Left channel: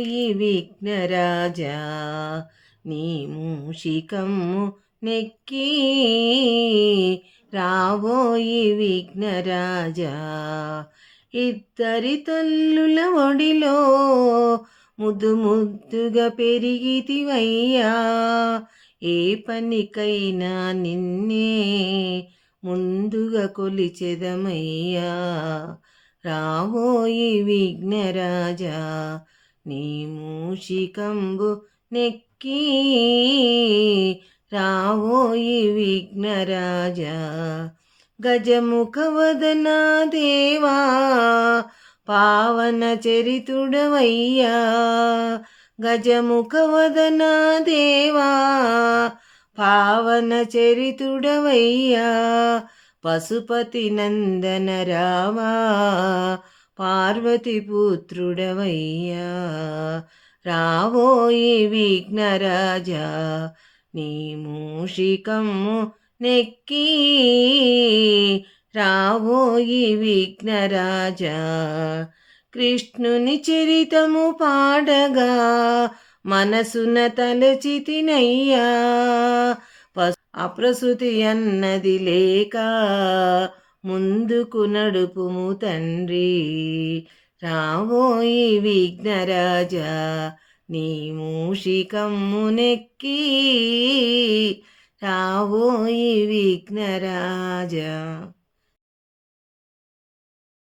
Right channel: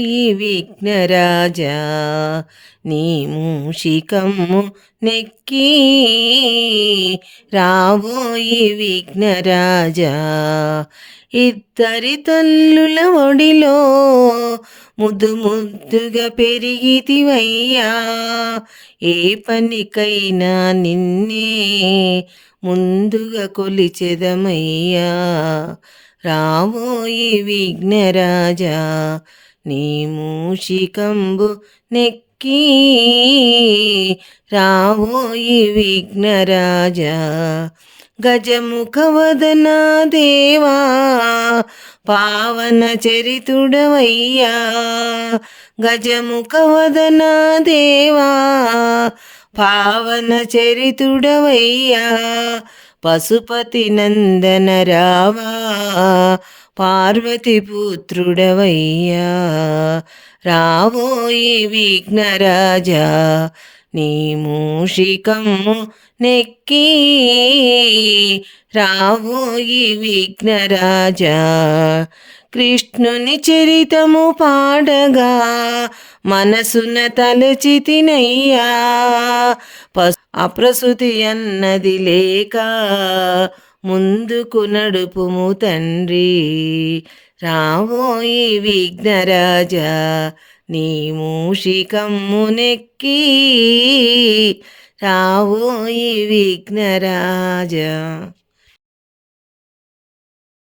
రావోయి విఘ్నరాజా నీ మూషికమ్ము నెక్కి రావోయి విఘ్నరాజా ఇద్దరి తల్లుల ఒడిలో ముద్దు ముద్దుగా పెరిగితివయ్యా ఏ పనికైనా నిన్నే ముందుగా కొలిచెదమయ్యా రావోయి విఘ్నరాజా నీ మూషికంబు నెక్కి రావోయి విఘ్నరాజా గజముఖవదన దేవా పావన చరితుడవయ్యా గజముఖవదన దేవా పావన చరితుడవయ్యా పశుపతి నందన రావా పార్వతి పుత్రుడవయ్యా రావోయి విఘ్నరాజా నీ మూషికమ్ము నెక్కి రావోయి విఘ్నరాజా కృష్ణుని చరితము పాడగా మనసున తలచితినయ్యా అప్రసుతి అన్నది లేక ముందుకు నడుపుము తండ్రి రావోయి విఘ్నరాజా నీ మూషికమ్ము నెక్కి రావోయి విఘ్నరాజా.